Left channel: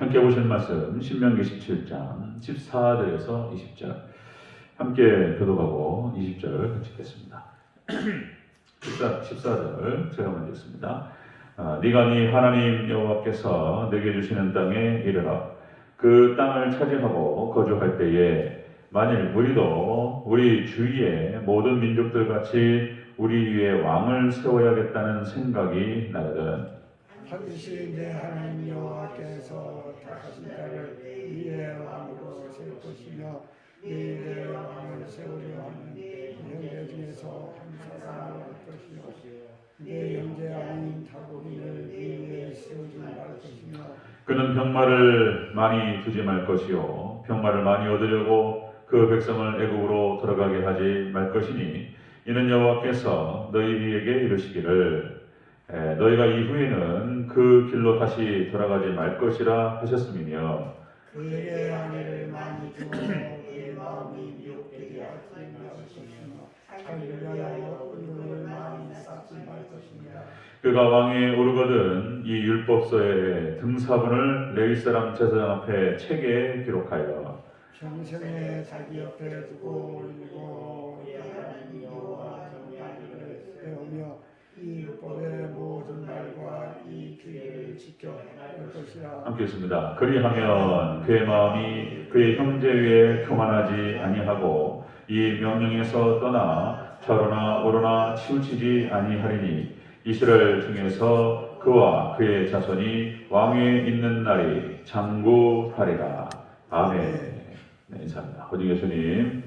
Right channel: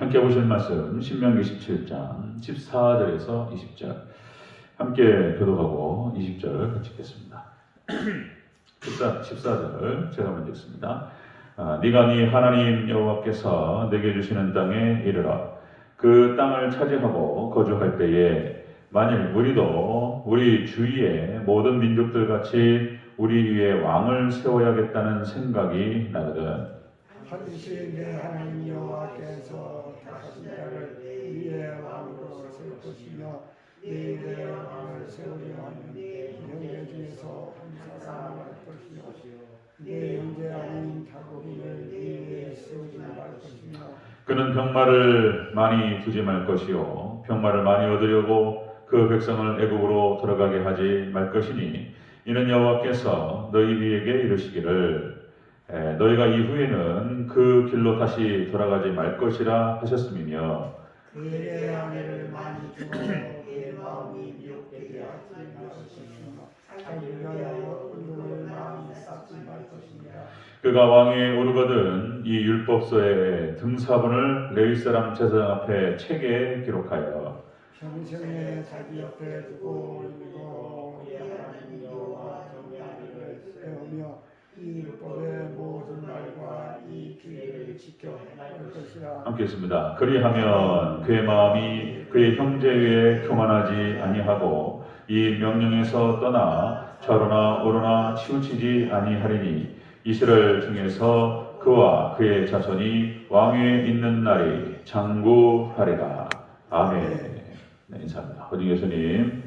함께 보실 말씀 신명기 17장 14절에서 20절 함께 교독하고 20절 같이 읽겠습니다. 14절 제가 먼저 읽습니다. 네가 네 하나님 여호와께서 내게 주시는 땅에 이르러 그 땅을 차지하고 거주할 때에 만일 우리도 우리 주위의 모든 민족들 같이 우리 위에 왕을 세워야겠다는 생각이 나거든. 반드시 내 하나님 여호와께서 택하신 자를 위에 왕으로 세울 것이며 네 위에 왕을 세우려 하면 네 형제 중에서 한 사람을 할 것이며 네 형제 아닌 타국인을 네 위에 세우지 말 것이며 그는 병마를 많이 두지 말 것이요 병마를 많이 얻으려고 그 백성을 애국으로 들어가게 하지 말 것이니 이는 여호와께서 너희에게 이르시기를 너희가 이후에는 그 길로 다시 돌아가지 말 것이라 하셨음이며 그의 아내를 많이 주어 그의 마음이 미혹되게 하지 말 것이며 자기를 위하여 은을 많이 쌓지 말 것입니다. 그가 왕위에 오르거든 이 율법서의 등사본을 레위 사람 제사장 앞에 책에 기록하여 평생에 자기 옆에 두고 읽고 하나님 여호와 경외하기를 세우며 이 율법의 모든 말과 이 규례를 지켜 할 것이라. 함께 있습니다. 그리하면 그의 마음이 그의 형제 위에 교만하지 아니하고 이 명령에서 떠나 좌로나 우로나 치우치지 아니하리니 이스라엘 중에서 그와 그의 자손이 왕위에 있는 날이 장구하리라. 아멘. 네, 인사합니다. 오직 예수님,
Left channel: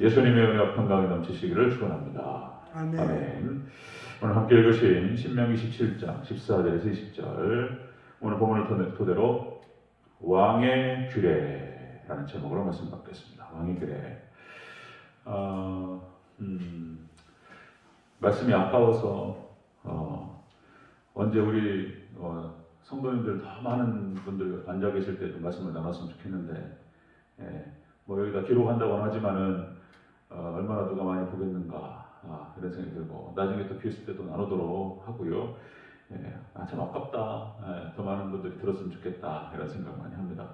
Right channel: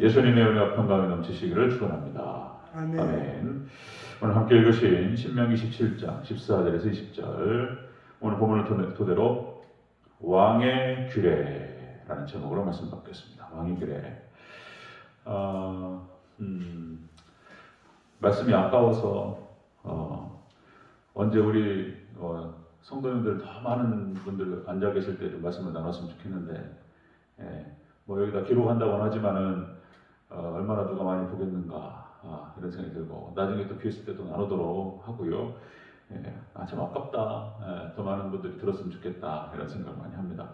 예수님의 은혜와 평강이 넘치시기를 축원합니다. 아멘. 오늘 함께 읽으신 신명기 17장 14절에서 20절 오늘 본문을 토대로 왕의 규례라는 제목으로 말씀 받겠습니다. 왕의 규례. 말씀이 아까워서 언제 우리 성도님들 더 많은 분들 앉아 계실 때 말씀을 나눴으면 좋겠는데 뭐 여기다 기록한다고는 하지만은 얼마나 누가 많이 보겠는가 그런 생각이 들고 나중에 또 기회 있을 때도 나누도록 하고요. 참 아깝다. 더 많은 분들이 들었으면 좋겠다 이런 생각 많이 합니다.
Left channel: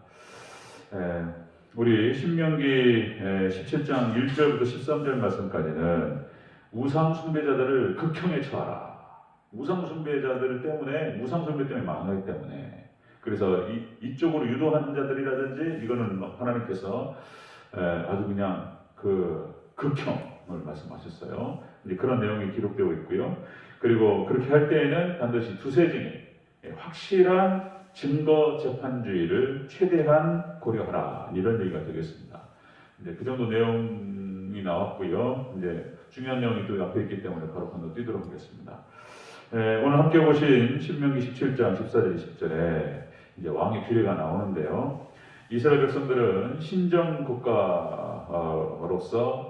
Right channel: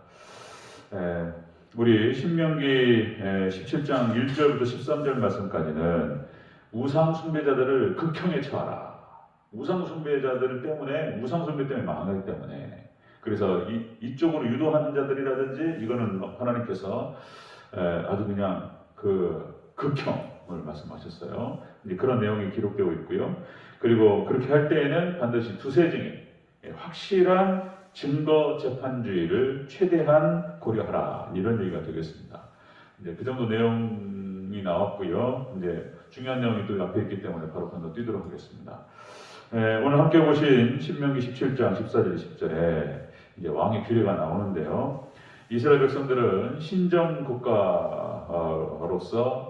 우리 신명기 17장 1절부터 13절 말씀까지는 우상 숭배자들을 극형에 처하라. 우상 숭배자들 때문에 우상 숭배 때문에 망하기 때문에 그래서 이쪽으로 유도하는 자들이라든지 이거는 하나님께서 아주 그냥 그 극형을 말씀하셨어요. 이제 그런 내용이 기록되고 있고요. 그리고 그렇게 할 때에는 반드시 두세 증인 확실한 증거 재판주의를 최대한 고려하라 이런 얘기가 되겠습니다. 이제 그 정도 내용이 나왔고요. 이제 중요한 내용이 또 앞에 있기 때문에 바로 건너뛰도록 하겠습니다. 오늘 함께 보신 신명기 17장 14절 20절에 이제 왕의 규례가 나오는데요. 이스라엘 백성들은 신정 국가로서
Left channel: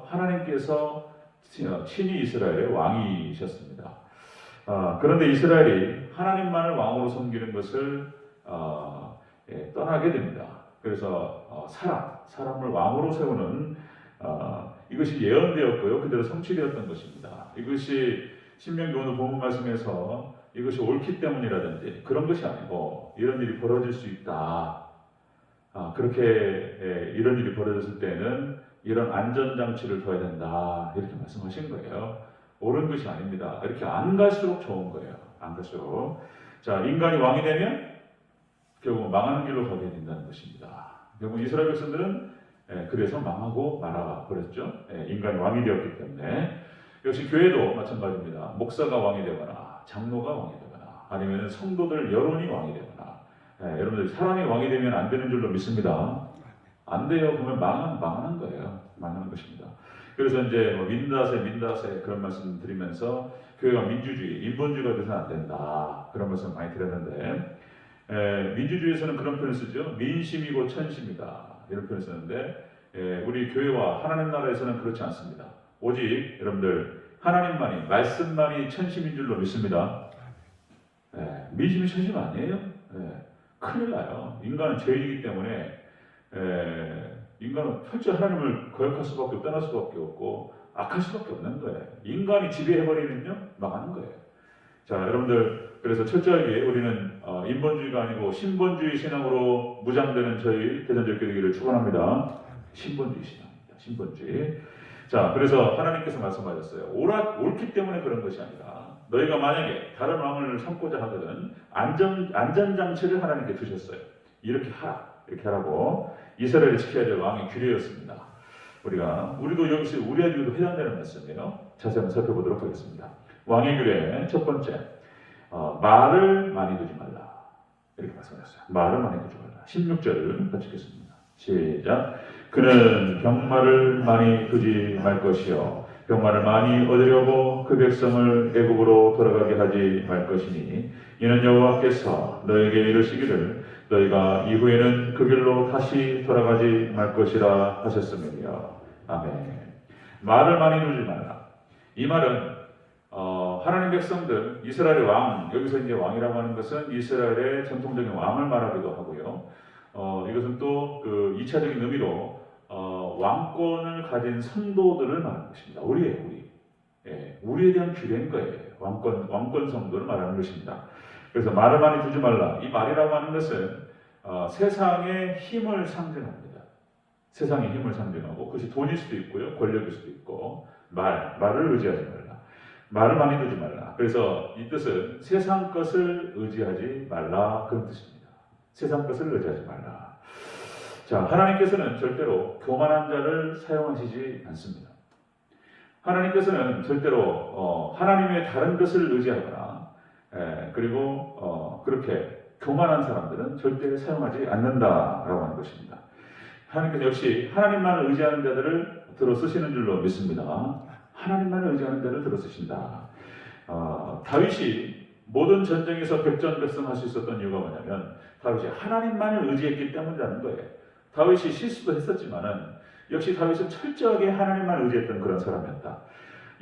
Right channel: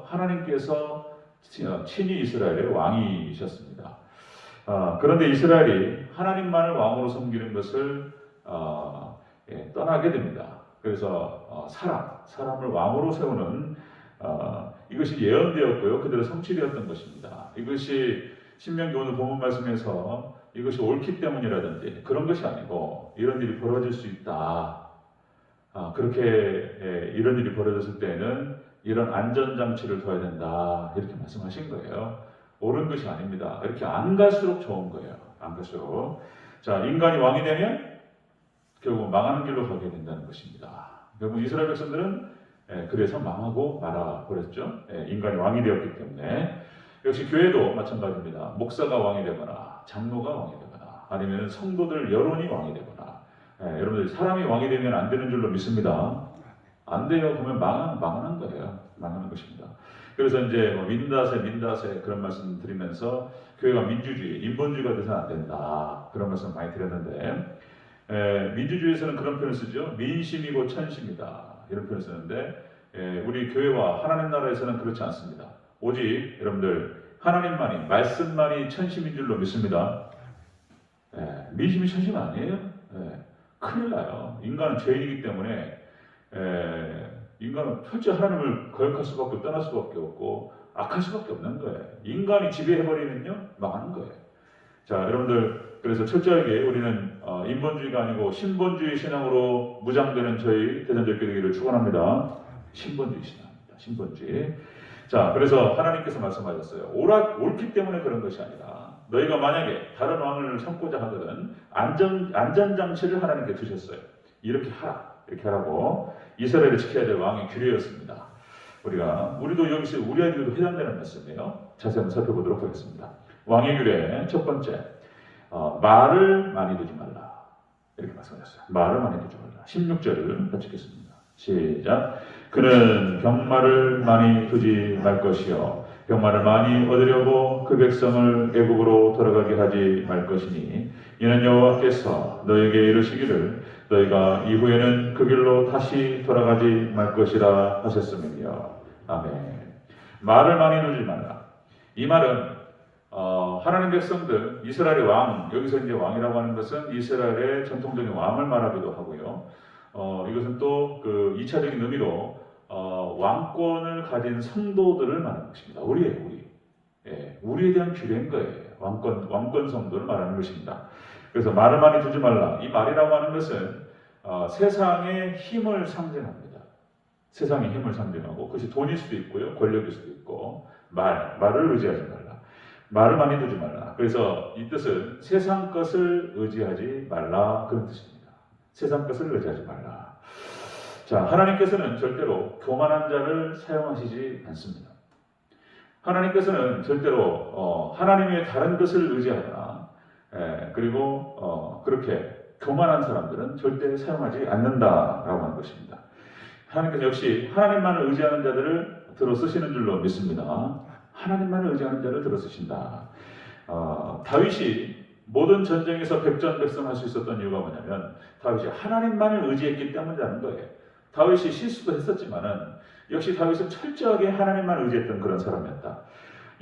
하나님께서 친히 이스라엘의 왕이셨습니다. 그런데 이스라엘이 하나님만을 왕으로 섬기는 것을 떠나게 됩니다. 그래서 사람을 왕으로 세우는 이것이 예언되었고요. 그대로 성취되었던 것입니다. 이것이 신명기 오늘 본문 말씀에서 이것이 옳기 때문이라든지 그런 것이 아니고 이런 일이 벌어질 수 있다. 그렇게 이런 일이 벌어졌을 때는 이런 안전장치를 둬야 된다. 이렇게 말씀하신 거예요. 옳은 것이 아닙니다. 이렇게 안 갈수록 좋은 거예요. 안 갈수록. 자, 인간이 왕이 되면 결국 망하는 길로 가게 된다는 것입니다. 결국 이스라엘 백성들은 그래서 망하고 말아버렸죠. 인간이 왕이 되었기 때문에. 역시 교회도 마찬가지입니다. 목사가 왕이 되거나 장로가 왕이 되거나 아니면 성도들 여론이 왕이 되거나 여러분들 사람이 왕이 되면 안 되는 줄로 믿습니다. 안 돼요. 그러면 망하는 거예요. 망하는 것입니다. 그래서 이제 민다세 그런 말씀 드리면서 교회가 민주주의, 인본주의가 돼서는 안 된다. 그런 말씀 많이 드렸는데 민주주의에서는 그런 표현을 쓰죠. 민심이고 천심이다. 이런 표현을 쓰는데 우리 교회와 하나님 나라에서는 그렇지 않습니다. 오직 여러분들 하나님만이 말씀만이 천심인 줄로 믿습니다. 민심이 천심 아니에요. 큰일 나요. 인간은 죄인이기 때문에 인간은 철저히 하나님을 거역할 수밖에 없고 떠날 수밖에 없고 악할 수밖에 없는 거예요. 인간이 지배해버리면요 망하는 거예요. 자, 여러분들 그래서 철저하게 우리는 인본주의가 아니고 신본주의 신앙으로 무장되는 저희 대전적교 되기를 축원합니다. 신본주의 신앙입니다. 신본주의. 자, 그래서 하나님께서 말씀하셨어요. 옳기 때문에 그런 것이 아니라 너희가 만약에 다른 왕을 삼고자 하거든 안전장치를 하나님께 두셨어요. 이렇게 하라. 이렇게 하라고 이스라엘을 지켜야 될 왕의 규례였습니다. 우리도 여기서 우리에게도 해당되는 말씀이에요. 자세히 한번 살펴보도록 하겠습니다. 왕의 규례 첫 번째, 말을 많이 두지 말라. 이렇게 말씀하셨어요. 말을 많이 두지 말라. 16절을 같이 읽겠습니다. 시작. 그는 병마를 많이 두지 말 것이요 병마를 많이 얻으려고 그 백성을 애굽으로 돌아가게 하지 말 것이니 이는 여호와께서 너에게 이르시기를 너희가 이후에는 그 길로 다시 돌아가지 말 것이라 하셨음이며 아멘. 말을 많이 두지 말라. 이 말은 하나님 백성들 이스라엘의 왕, 여기서 이제 왕이라고 하는 것은 이스라엘의 전통적인 왕을 말하기도 하고요. 이것은 또 그 2차적인 의미로 왕권을 가진 성도들을 말하는 것입니다. 우리에 대한 규례인 거예요. 왕권 성도를 말하는 것입니다. 그래서 말을 많이 두지 말라. 이 말이라고 하는 것은 세상의 힘을 상징합니다. 세상의 힘을 상징하고 그것이 돈일 수도 있고요, 권력일 수도 있고 말을 의지하지 말라. 말을 많이 두지 말라. 그래서 이 뜻은 세상 것을 의지하지 말라 그런 뜻입니다. 세상 것을 의지하지 말라. 자, 하나님께서는 절대로 교만한 자를 사용하시지 않습니다. 하나님께서는 절대로 하나님의 다른 것을 의지하거나 그리고 그렇게 교만한 사람들은 절대 사용하지 않는다라고 하는 것입니다. 하나님께서 역시 하나님만을 의지하는 자들을 들어 쓰시는 줄로 믿습니다. 하나님만을 의지하는 자를 들어 쓰신다. 다윗이 모든 전쟁에서 백전백승할 수 있었던 이유가 뭐냐면 다윗이 하나님만을 의지했기 때문이라는 거예요. 다윗이 실수도 했었지만은 역시 다윗은 철저하게 하나님만 의지했던 그런 사람이었다.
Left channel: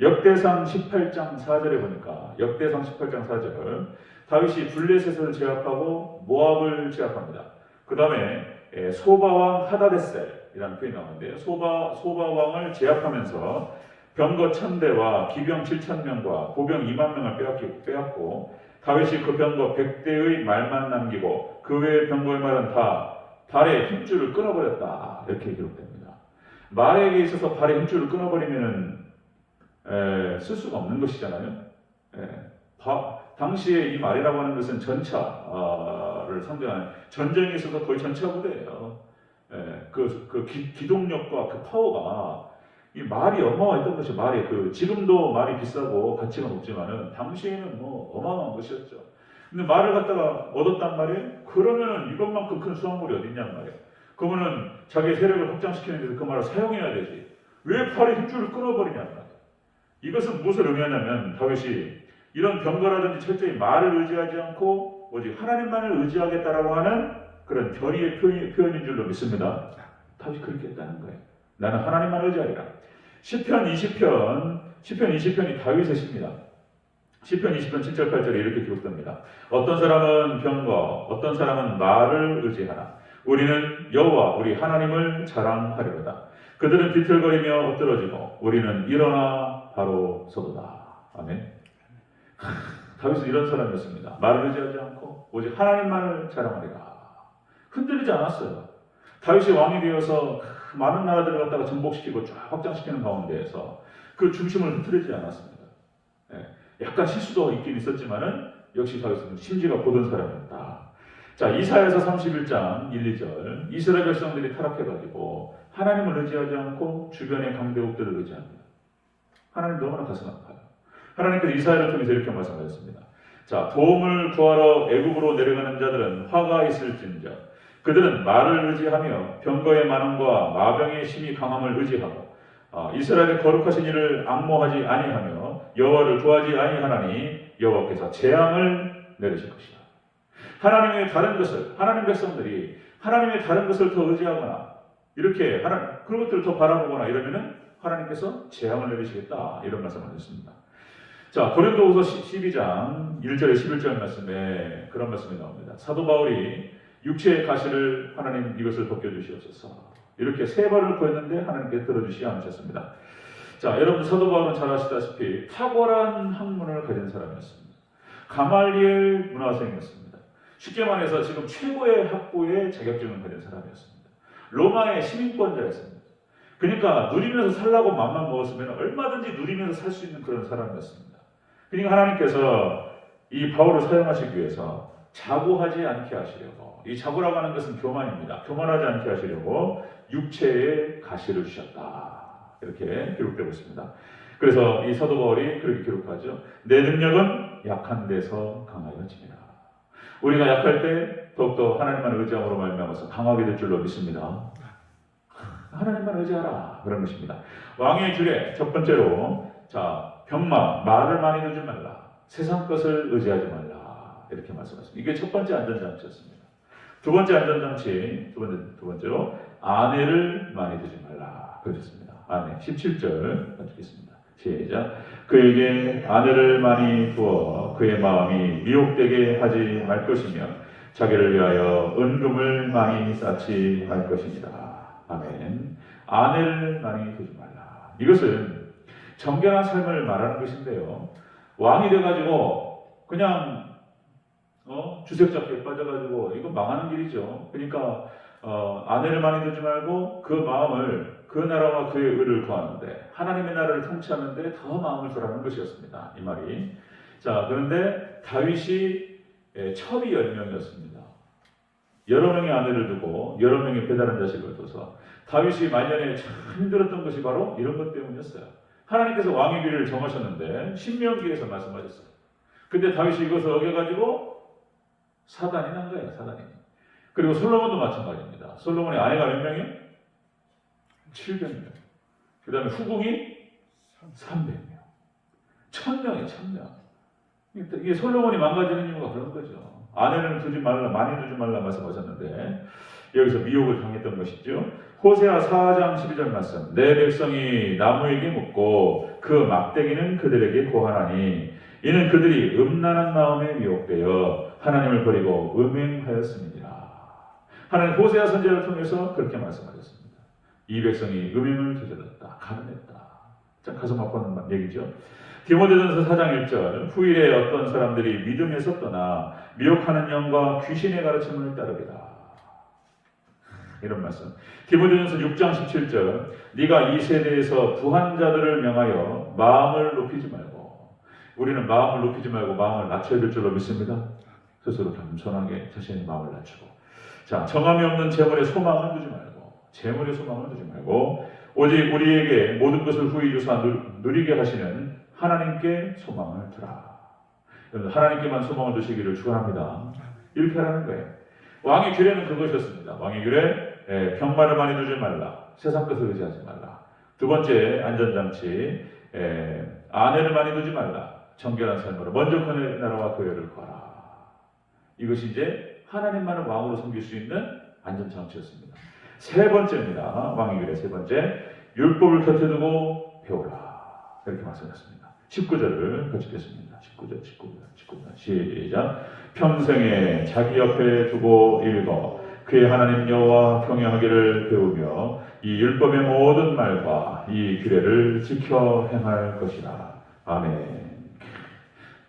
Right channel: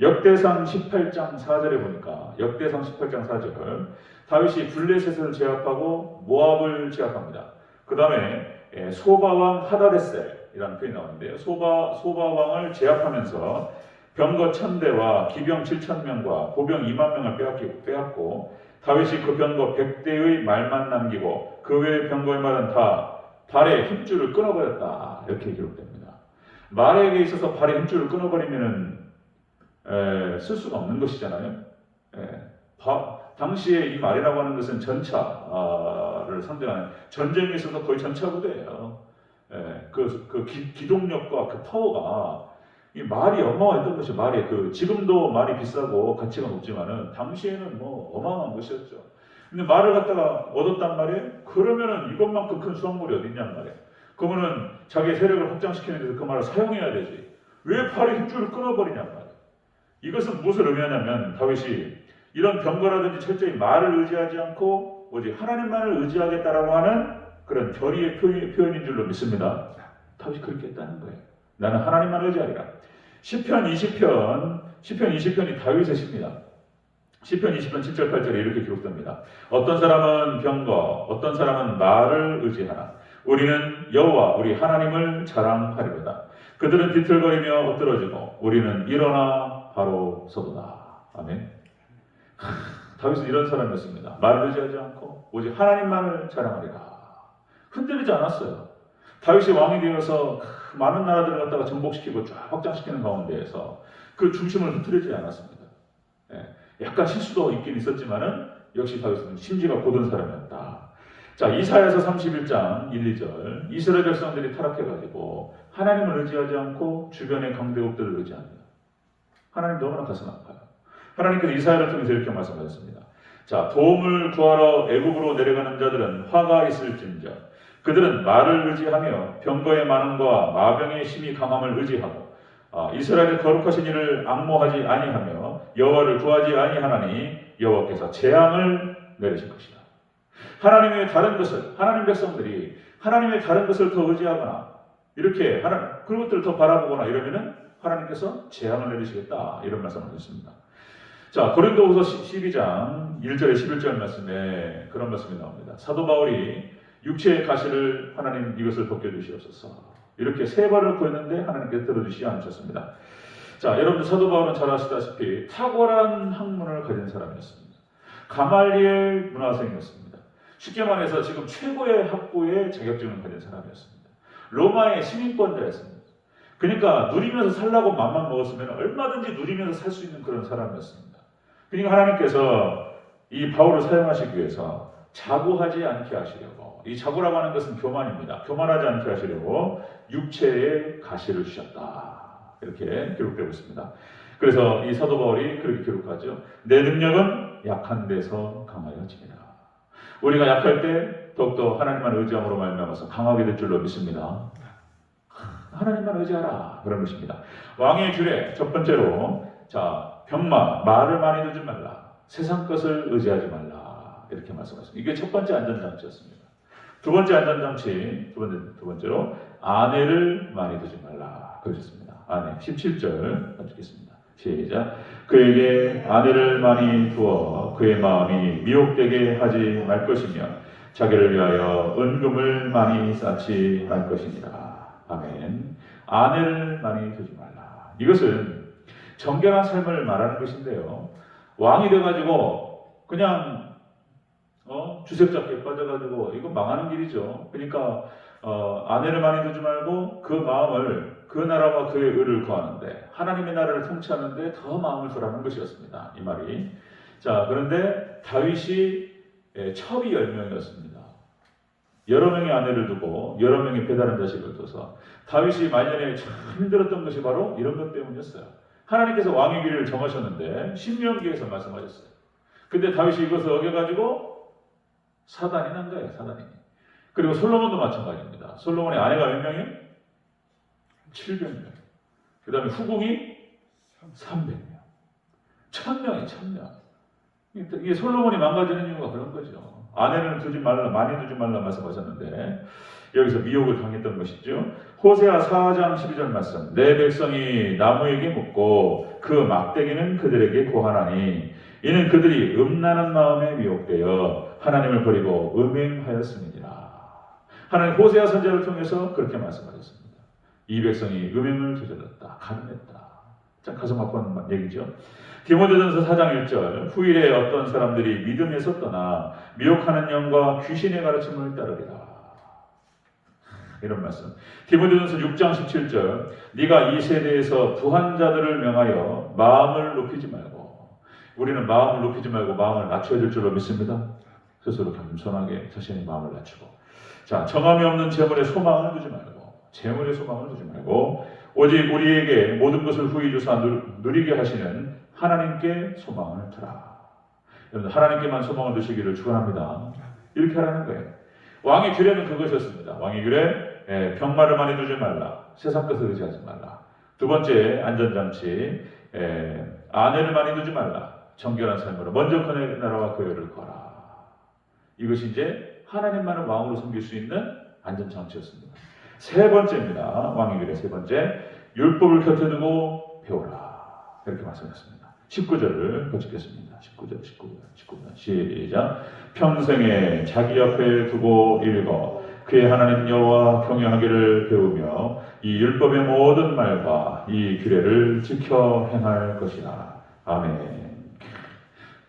역대상 18장 4절에 보니까 역대상 18장 4절 다윗이 블레셋을 제압하고 모압을 제압합니다. 그 다음에 소바왕 하다데셀이라는 표현이 나오는데요. 소바왕을 제압하면서 병거 1000대와 기병 7000명과 보병 20000명을 빼앗고 다윗이 그 병거 100대의 말만 남기고 그 외의 병거의 말은 다 발의 힘줄을 끊어버렸다. 이렇게 기록됩니다. 말에게 있어서 발의 힘줄을 끊어버리면은 쓸 수가 없는 것이잖아요. 당시에 이 말이라고 하는 것은 전차를 상대하는 전쟁에 있어서 거의 전차 부대예요. 그 기동력과 그 파워가 이 말이 어마어마했던 것이 지금도 말이 비싸고 가치가 높지만은 당시에는 뭐 어마어마한 것이었죠. 근데 말을 갖다가 얻었단 말이에요. 그러면은 이것만큼 큰 수확물이 어디 있냔 말이에요. 그러면은 자기의 세력을 확장시키는 데서 그 말을 사용해야 되지. 왜 팔의 힘줄을 끊어버리냔 말이에요. 이것은 무엇을 의미하냐면 다윗이 이런 병거라든지 철저히 말을 의지하지 않고 오직 하나님만을 의지하겠다라고 하는 그런 결의의 표현인 줄로 믿습니다. 다윗이 그렇게 했다는 거예요. 나는 하나님만 의지하리라. 시편 20편이 다윗의 시입니다. 시편 20편 7절 8절에 이렇게 기록됩니다. 어떤 사람은 병거, 어떤 사람은 말을 의지하나 우리는 여호와 우리 하나님을 자랑하리로다. 그들은 비틀거리며 엎드러지고 우리는 일어나 바로 서도다. 아멘. 다윗은 이런 사람이었습니다. 말을 의지하지 않고 오직 하나님만을 자랑하리라. 흔들리지 않았어요. 다윗이 왕이 되어서 많은 나라들을 갖다가 정복시키고 쫙 확장시키는 가운데에서 그 중심을 흐트리지 않았습니다. 약간 실수도 있긴 있었지만은 역시 다윗은 심지가 고든 사람이었다. 자, 이사야서 31장 1, 2절 이스라엘 백성들이 타락해가지고 하나님을 의지하지 않고 주변의 강대국들을 의지합니다. 하나님 너무나 가슴 아파요. 하나님께서 이사야를 통해서 이렇게 말씀하셨습니다. 자, 도움을 구하러 애굽으로 내려가는 자들은 화가 있을진저 그들은 말을 의지하며 병거의 많음과 마병의 힘이 강함을 의지하고 이스라엘의 거룩하신 이를 앙모하지 아니하며 여호와를 구하지 아니하나니 여호와께서 재앙을 내리실 것이다. 하나님의 다른 것을 하나님 백성들이 하나님의 다른 것을 더 의지하거나 이렇게 그런 것들을 더 바라보거나 이러면은 하나님께서 재앙을 내리시겠다 이런 말씀을 하셨습니다. 자, 고린도후서 12장 1절에 11절 말씀에 그런 말씀이 나옵니다. 사도 바울이 육체의 가시를 하나님 이것을 벗겨주시옵소서 이렇게 세 번을 구했는데 하나님께서 들어주시지 않으셨습니다. 자, 여러분 사도 바울은 잘 아시다시피 탁월한 학문을 가진 사람이었습니다. 가말리엘 문화생이었습니다. 쉽게 말해서 지금 최고의 학부의 자격증을 가진 사람이었습니다. 로마의 시민권자였습니다. 그러니까 누리면서 살라고 맘만 먹었으면 얼마든지 누리면서 살 수 있는 그런 사람이었습니다. 그러니까 하나님께서 이 바울을 사용하시기 위해서 자고하지 않게 하시려고, 이 자고라고 하는 것은 교만입니다. 교만하지 않게 하시려고 육체의 가시를 주셨다. 이렇게 기록되고 있습니다. 그래서 이 사도 바울이 그렇게 기록하죠. 내 능력은 약한 데서 강하여집니다. 우리가 약할 때 더욱더 하나님만 의지함으로 말미암아서 강하게 될 줄로 믿습니다. 하나님만 의지하라, 그런 것입니다. 왕의 규례 첫 번째로, 자, 병마, 말을 많이 두지 말라, 세상 것을 의지하지 말라, 이렇게 말씀하셨습니다. 이게 첫 번째 안전장치였습니다. 두 번째 안전장치, 두 번째로 아내를 많이 두지 말라, 그러셨습니다. 아내 17절 읽겠습니다. 시작. 그에게 아내를 많이 두어 그의 마음이 미혹되게 하지 말 것이며 자기를 위하여 은금을 많이 쌓지 말 것이니라. 아멘. 아내를 많이 두지 말라. 이것은 정결한 삶을 말하는 것인데요. 왕이 돼가지고 그냥 주색잡기에 빠져가지고 이거 망하는 길이죠. 그러니까 아내를 많이 두지 말고 그 마음을 그 나라와 그의 의를 구하는데, 하나님의 나라를 통치하는데 더 마음을 두라는 것이었습니다. 이 말이. 자, 그런데 다윗이 첩이 10명이었습니다. 여러 명의 아내를 두고 여러 명의 배다른 자식을 둬서 다윗이 말년에 참 힘들었던 것이 바로 이런 것 때문이었어요. 하나님께서 왕의 길을 정하셨는데 신명기에서 말씀하셨어요. 근데 다윗이 이것을 어겨가지고 사단이 난 거예요. 사단이. 그리고 솔로몬도 마찬가지입니다. 솔로몬의 아내가 몇 명이에요? 700명. 그 다음에 후궁이 300명. 1000명이에요. 1000명. 이게 솔로몬이 망가지는 이유가 그런 거죠. 아내는 두지 말라, 많이 두지 말라 말씀하셨는데 여기서 미혹을 당했던 것이죠. 호세아 4장 12절 말씀. 내 백성이 나무에게 묻고 그 막대기는 그들에게 고하나니 이는 그들이 음란한 마음에 미혹되어 하나님을 버리고 음행하였음이니라. 하나님 호세아 선지자를 통해서 그렇게 말씀하셨습니다. 이 백성이 음행을 저질렀다, 가늠했다. 참 가슴 아픈 얘기죠. 디모데전서 4장 1절. 후일에 어떤 사람들이 믿음에서 떠나 미혹하는 영과 귀신의 가르침을 따르리라. 이런 말씀. 디모데전서 6장 17절. 네가 이 세대에서 부한 자들을 명하여 마음을 높이지 말고, 우리는 마음을 높이지 말고 마음을 낮춰야 될 줄로 믿습니다. 스스로 겸손하게 자신의 마음을 낮추고, 자, 정함이 없는 재물에 소망을 두지 말고, 재물에 소망을 두지 말고 오직 우리에게 모든 것을 후히 주사 누리게 하시는 하나님께 소망을 두라. 하나님께만 소망을 두시기를 축원합니다. 이렇게 하라는 거예요. 왕의 규례는 그것이었습니다. 왕의 규례, 병마를 많이 두지 말라, 세상 것을 의지하지 말라. 두 번째 안전장치, 아내를 많이 두지 말라, 정결한 삶으로 먼저 그의 나라와 그 의를 구하라. 이것이 이제 하나님만을 왕으로 섬길 수 있는 안전장치였습니다. 세 번째입니다. 왕의 규례 세 번째, 율법을 곁에 두고 배우라. 이렇게 말씀했습니다. 19절을 펼치겠습니다. 19절 시작. 평생에 자기 옆에 두고 읽어 그의 하나님 여호와 경외하기를 배우며 이 율법의 모든 말과 이 규례를 지켜 행할 것이다. 아멘.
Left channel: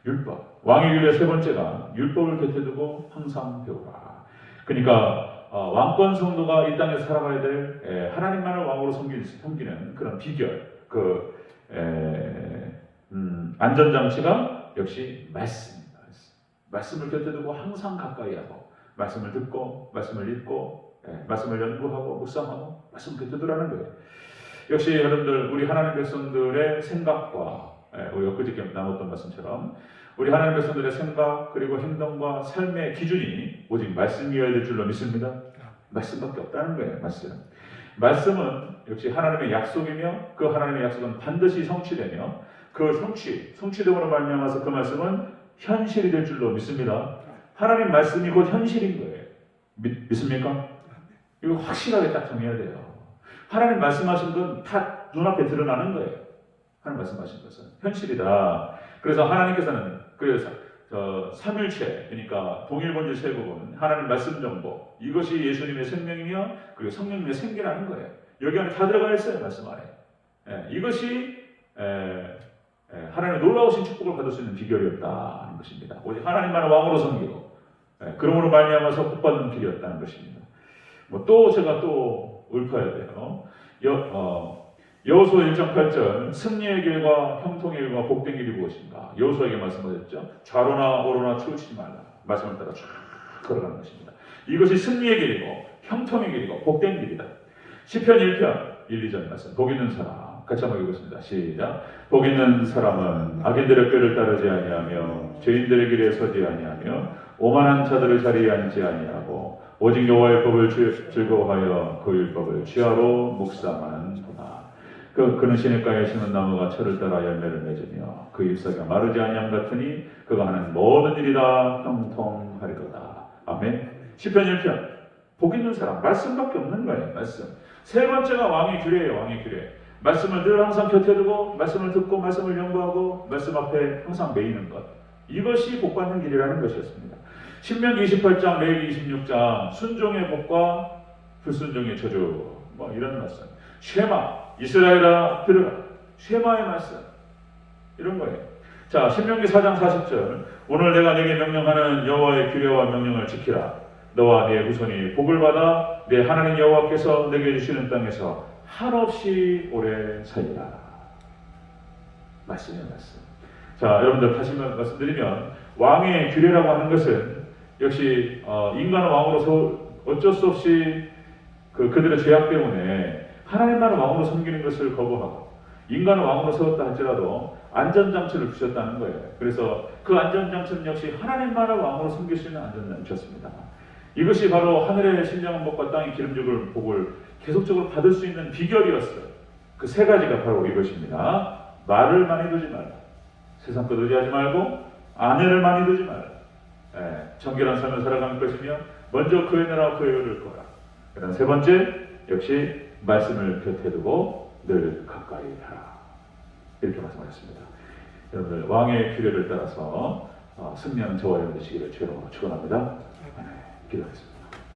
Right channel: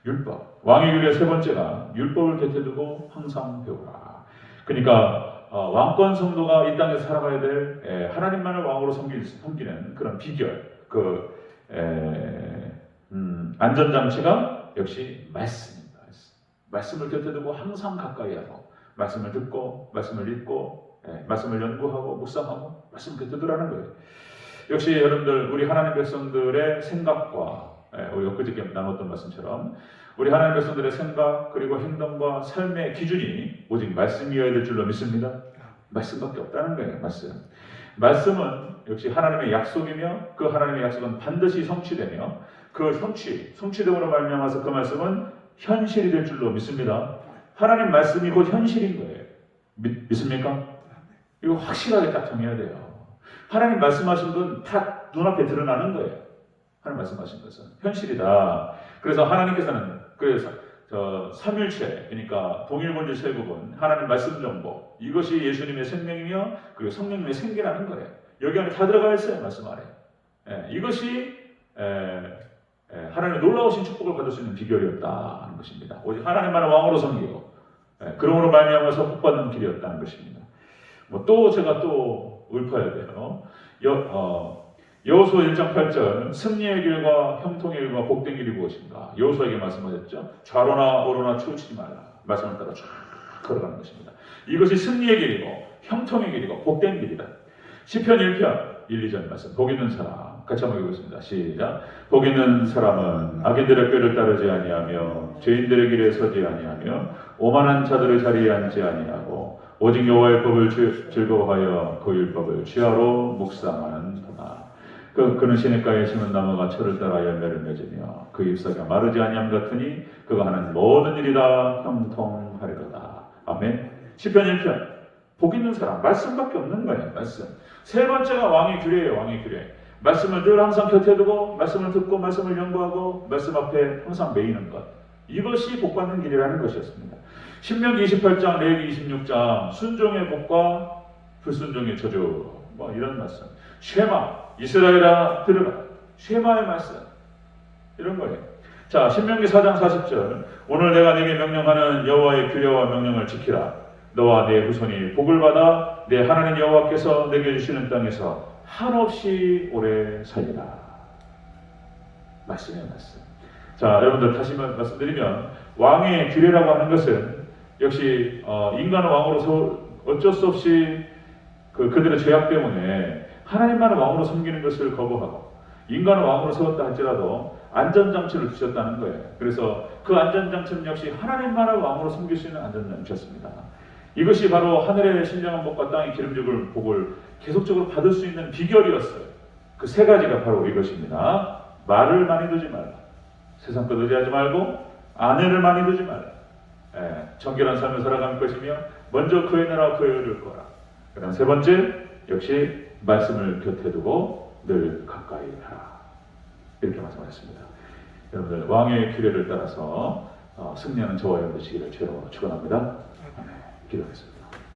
율법. 왕의 규례 세 번째가 율법을 곁에 두고 항상 배우라. 그러니까 왕권 성도가 이 땅에서 살아가야 될 하나님만을 왕으로 섬기는 그런 비결, 안전장치가 역시 말씀입니다. 말씀을 곁에 두고 항상 가까이 하고, 말씀을 듣고, 말씀을 읽고, 말씀을 연구하고, 묵상하고, 말씀 곁에 두라는 거예요. 역시 여러분들, 우리 하나님 백성들의 생각과, 우리 엊그저께 나눴던 말씀처럼 우리 하나님 백성들의 생각 그리고 행동과 삶의 기준이 오직 말씀이어야 될 줄로 믿습니다. 말씀밖에 없다는 거예요. 말씀은 역시 하나님의 약속이며 그 하나님의 약속은 반드시 성취되며 그 성취됨으로 말미암아서 그 말씀은 현실이 될 줄로 믿습니다. 하나님 말씀이 곧 현실인 거예요. 믿습니까? 이거 확실하게 딱 정해야 돼요. 하나님 말씀하신 건 다 눈앞에 드러나는 거예요. 하나님 말씀하신 것은 현실이다. 그래서 하나님께서는 삼일체, 그러니까 동일본질 세국은 하나님 말씀 정보, 이것이 예수님의 생명이며 그리고 성령님의 생기라는 거예요. 여기 안에 다 들어가 있어요. 말씀 안에. 이것이 하나님의 놀라우신 축복을 받을 수 있는 비결이었다는 것입니다. 오직 하나님만을 왕으로 섬기고 그러므로 말미암아서 복받는 길이었다는 것입니다. 또 제가 또 읊어야 돼요. 여호수아 1장 8절 승리의 길과 형통의 길과 복된 길이 무엇인가? 여호수아에게 말씀하셨죠. 좌로나 오로나 치우치지 말라. 말씀을 따라 쭉 걸어가는 것입니다. 이것이 승리의 길이고 형통의 길이고 복된 길이다. 시편 1편 1, 2절 말씀. 복 있는 사람 같이 한번 읽겠습니다. 시작. 복 있는 사람은 악인들의 꾀를 따르지 아니하며 죄인들의 길에 서지 아니하며 오만한 자들의 자리에 앉지 아니하고 오직 여호와의 법을 즐거워하여 그 율법을 주야로 묵상하는구나. 그는 시냇가에 심은 나무가 철을 따라 열매를 맺으며 그 잎사귀가 마르지 아니함 같으니 그가 하는 모든 일이 다 형통하리로다. 아멘. 시편 1편 복 있는 사람 말씀밖에 없는 거예요. 말씀. 세 번째가 왕의 규례예요. 왕의 규례. 말씀을 늘 항상 곁에 두고 말씀을 듣고 말씀을 연구하고 말씀 앞에 항상 매이는 것. 이것이 복받는 길이라는 것이었습니다. 신명기 28장, 레위기 26장 순종의 복과 불순종의 저주 이런 말씀. 쉐마 이스라엘아 들으라. 쉐마의 말씀. 이런 거예요. 자, 신명기 4장 40절 오늘 내가 네게 명령하는 여호와의 규례와 명령을 지키라. 너와 네 후손이 복을 받아 내 하나님 여호와께서 내게 주시는 땅에서 한없이 오래 살리라. 말씀이에요, 말씀. 자, 여러분들 다시 말씀드리면 왕의 규례라고 하는 것은 역시 인간은 왕으로서 어쩔 수 없이 그들의 죄악 때문에 하나님만을 왕으로 섬기는 것을 거부하고 인간을 왕으로 세웠다 할지라도 안전장치를 주셨다는 거예요. 그래서 그 안전장치는 역시 하나님만을 왕으로 섬길 수 있는 안전장치였습니다. 이것이 바로 하늘의 신령한 복과 땅의 기름죽을 복을 계속적으로 받을 수 있는 비결이었어요. 그 세 가지가 바로 이것입니다. 말을 많이 두지 말라. 세상 것 의지하지 말고 아내를 많이 두지 말라. 정결한 삶을 살아가는 것이며 먼저 그의 나라와 그의 의를 거라. 그다음 세 번째 역시 말씀을 곁에 두고 늘 가까이 하라. 이렇게 말씀하셨습니다. 여러분들 왕의 규례를 따라서 승리하는 저와 여러분 되시기를 주로 축원합니다. 기도하겠습니다.